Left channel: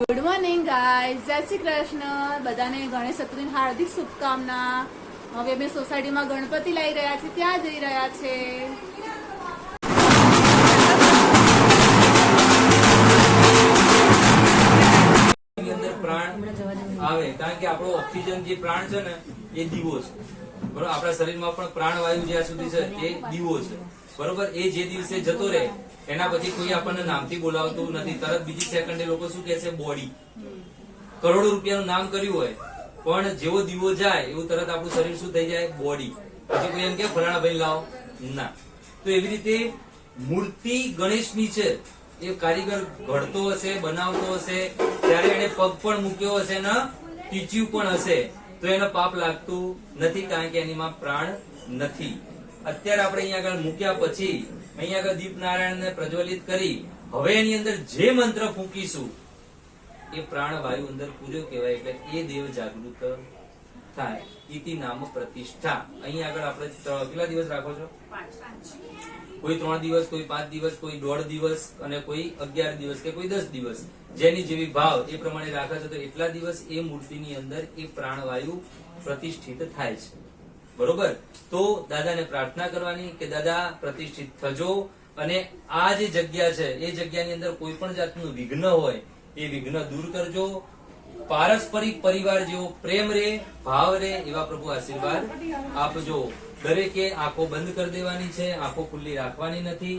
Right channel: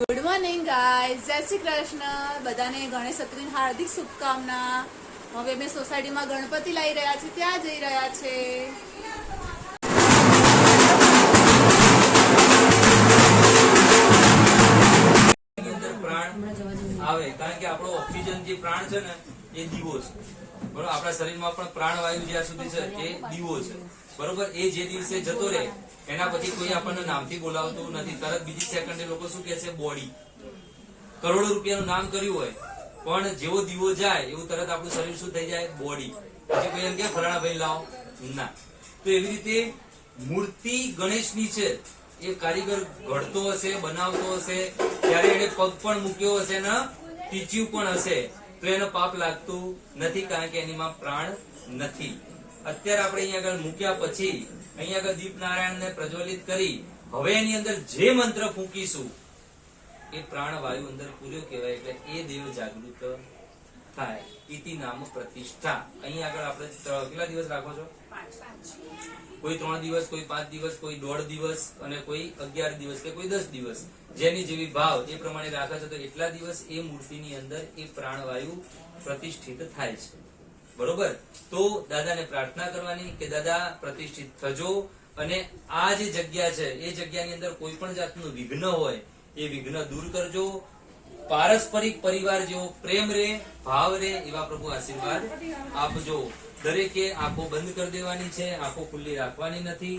Good morning guys, જય શ્રી કૃષ્ણ. બધાને ગણેશ ચતુર્થીની હાર્દિક શુભકામના. હવે અમે સોસાયટીમાં ગણપતિ લાવી રહ્યા છીએ, ત્યાં જઈ રહ્યા છે. આવે કારણ કે આપણો ઓક્સિજન જે પ્રાણ છે ને એ દીવો છે. બરોબર, આપણા શરીરમાં પણ પ્રાણવાયુ જ્યાં સુધી છે એ દીવો છે. બરોબર, એ જે દિવસે જતો રહે એના પછી કોઈ આપણને નામથી બોલાવતું નથી. તરત બીજી સેકન્ડે લોકો શું કહે છે? બોડી. કરોડો રૂપિયાનું નામ કર્યું હોય પણ જેવો દીવો જાય એવું તરત આપણું શરીર શું થઈ જાય? બોડી. પછી કોઈ એમ કે ફલાણા ભાઈ લાવો ના. તો એવી રીતે મૂર્તિ ગણેશની છે. એ કારીગર ઘડતો હશે, બનાવતો હશે, ત્યારે એને પગ પણ મૂક્યો હશે ને ટીચ્યું પણ હશે તો એને પાપ લાગતું નથી, કારણ કે એનીમાં પ્રાણ નથી. અત્યારે આપણે અહીંયા આગળ મૂક્યા પછી અહીંયા આગળ દીપ નારાયણને પ્રજ્વલિત કરી હવે એની અંદર જે મંત્ર ફૂંકીશું એ પ્રાણવાયુ અંદર પૂર્યો કહેવાય, એટલે એ દેવ જાગૃત થાય. ઇતિ નામ પ્રતિષ્ઠા. અહીંયા આગળ આપણે કેટલા દિવસ રાખો છો? કોઈ 3 દિવસ, કોઈ 5 દિવસ, કોઈ 1.5 દિવસ અને કોઈ 11 દિવસ કે કોઈ 10 દિવસ, જેની જેવી ભાવ એ પ્રમાણે રાખે છે. તો એટલા દિવસ એ મૂર્તિની અંદર એ પ્રાણવાયુ પ્રતિષ્ઠિત થાય છે. બરોબર, તો દાદાને પ્રાર્થના કરવાની કે દાદા પ્રતિષ્ઠિત થજો અને આ જે જગ્યા છે એ જગ્યાની અંદર કોઈ પણ જાતનું વિઘ્ન હોય એ વિઘ્ન દૂર કરજો. પારસ્પરિક પરિવાર જેવો પ્રેમ રે, ભાવ રે, એવા પ્રભુ આશીર્વાદ આપજો. દરેકે આંખો બંધ કરી દેવાની છે, આંખો ખુલ્લી રાખવાની નથી,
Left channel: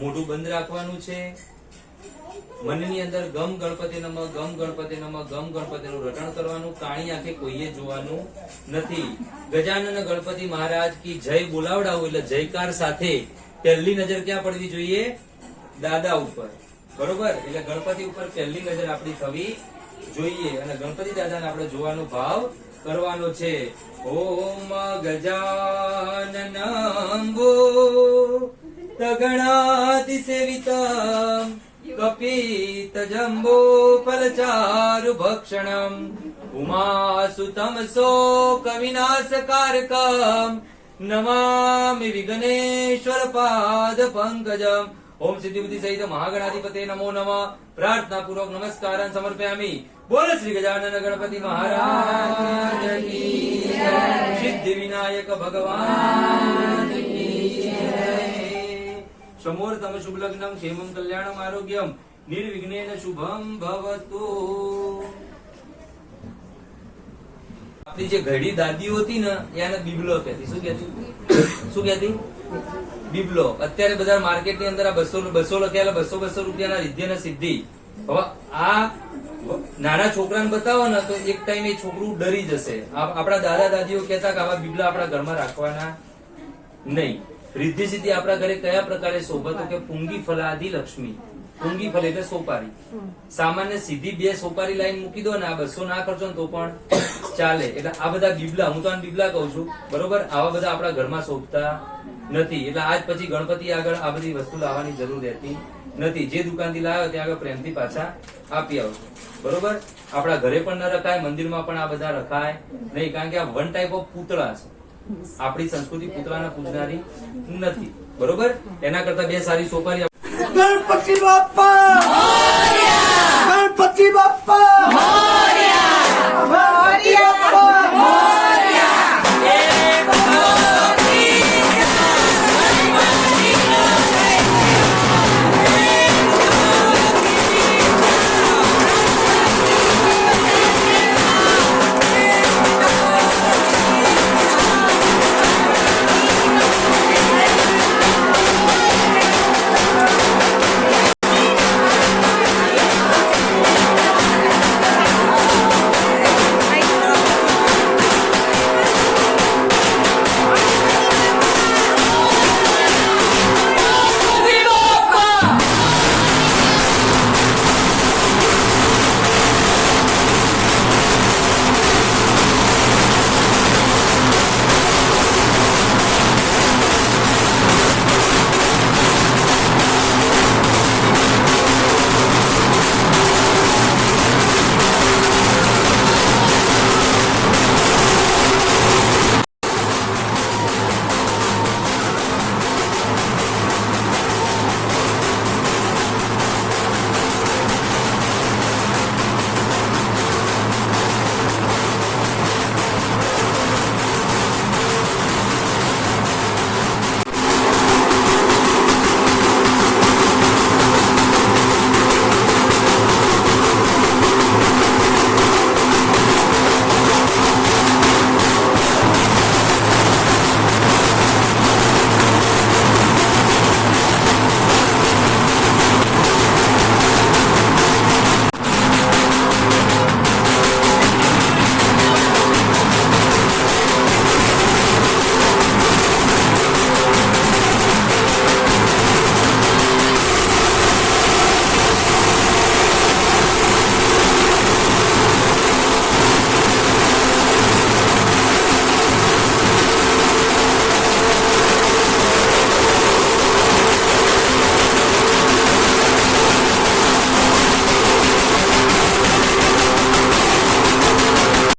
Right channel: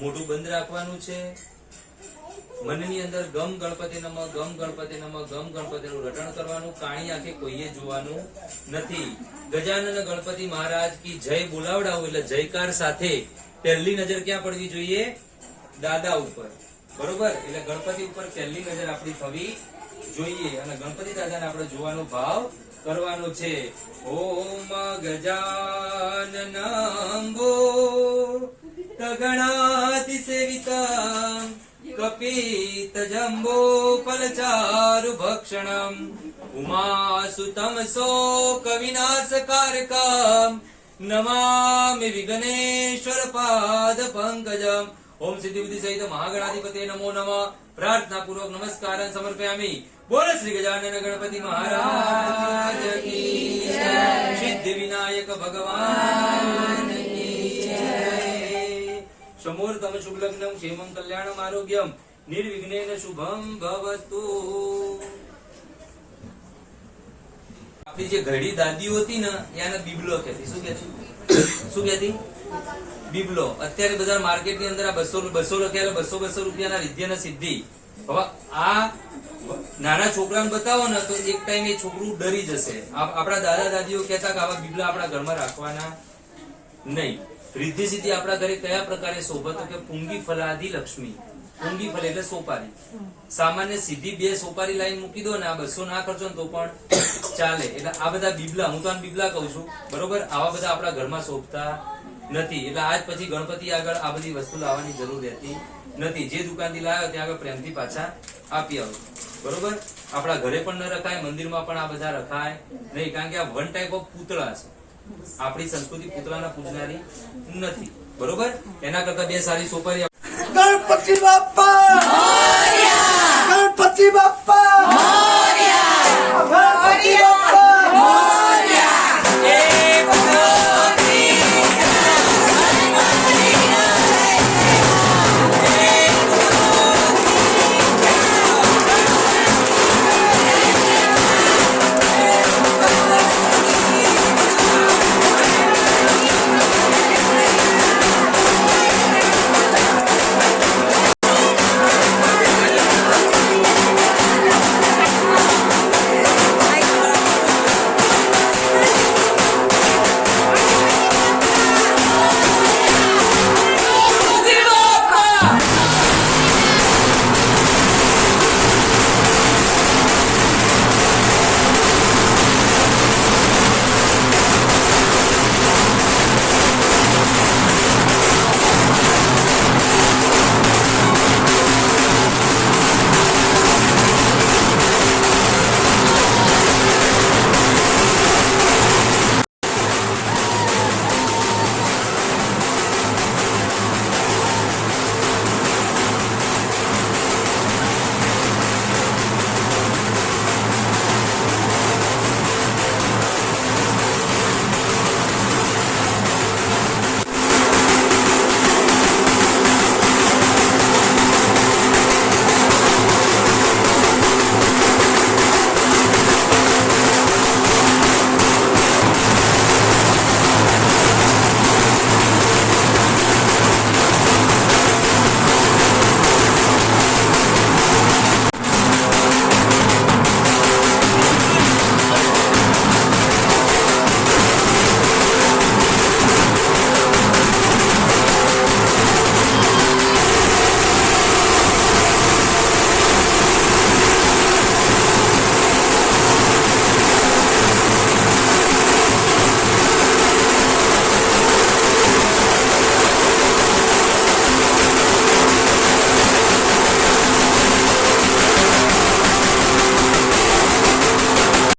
મોઢું બંધ રાખવાનું છે. મનની અંદર ગમ ગણપતિ નમઃ, ગમ ગણપતિ નમઃ, ગમ ગણપતિનું રટણ કરવાનું. કાણી આંખે કોઈએ જોવાનું નથી. ગજાનન ગણપતિ મહારાજ કી જય બોલાવડાવું એટલે જયકાર સાથે પહેલી નજર ક્યાં પડવી જોઈએ? દાદા ઉપર. બરોબર, એટલે ગણપતિ ઉપર પહેલી નજર આપણી થવી જોઈએ અને ગણપતિ દાદાને આપણે જોવાનો ભાવ કરવાનો છે. ઓમ ગજાનનંગો તગણાતિ સેવિતમ કપિત જંબો ફલચારુ ભક્ષણમ ઉમાસુતમ શોક વિનાશકારકમ નમામિ વિઘ્નેશ્વર પાદ પંકજમ. ઓમ સિદ્ધિ બુદ્ધિ સહિત મહાગણાધિપતે નમો નમઃ. પ્રાર્થના પૂર્વક નમસ્કારાન સમર્પયામિ. બોલ શ્રી ગજાનન ગણપતિ મહારાજ કી જય. સિદ્ધિ વિનાયક ભગવાન કી જય. સમોર્તમ શુભ લગ્નમ ક્ષેમં કલ્યાણમ આરોગ્યમ નિર્વિઘ્નેન શુભમ ભવતુ. આપણી જે ઘડી દાદીઓ હતી ને એને બિબલો કહેતી. શું કહેતી? શું કહેતી? બિબલો. અત્યારે બધા માર્કેટ ની અંદર આ 200 લખ્યા 200 રૂપિયાના રિદ્ધિ અને સિદ્ધિ. હવે આ નાના છોકરાને બતાવો ને તો એક ટાઈમ એ છોકરું ડરી જશે. આપણા દાદા દાદીઓ કહેતા કે આવા બિબલા આપણા ઘરમાં રાખવાના નહીં. રિદ્ધિ સિદ્ધિ આપણા ઘરે કયા પ્રકારે શોભે તો કે પુંગી ફલાદી લક્ષ્મી. પુંગી ફલ એટલે સોપારી. સામાન્ય સીધી 2 સોપારી લાઈન મૂકી દો ને આ 200 ના કરશો ને તો પણ ચાલે. એટલે આ બધા બિબલા, હું તો આને બિબલા કહું છું. બરોબર, આવા બધા આપણા ઘરમાં શોભતા નથી. એટલે આજ પછી ગણપતિ આગળ આ બધી વસ્તુ લાવવાની જરૂર રહેતી નથી. જે દુકાનથી લાવ્યો ત્યાં આગળ પ્રેમથી પાછા આપી આવજો. બરોબર, આપણા ઘરે પણ ન રખાય, મંદિરમાં પણ આ બધા રખાય નહીં, કારણ કે આ વન ટાઈપ ઓફ પૂતળા છે. આપણી સંસ્કૃતિ પૂતળાને પૂજનારી નથી. બરોબર, એના કરતા 2 સારી સોપારી. ગણપતિ બાપા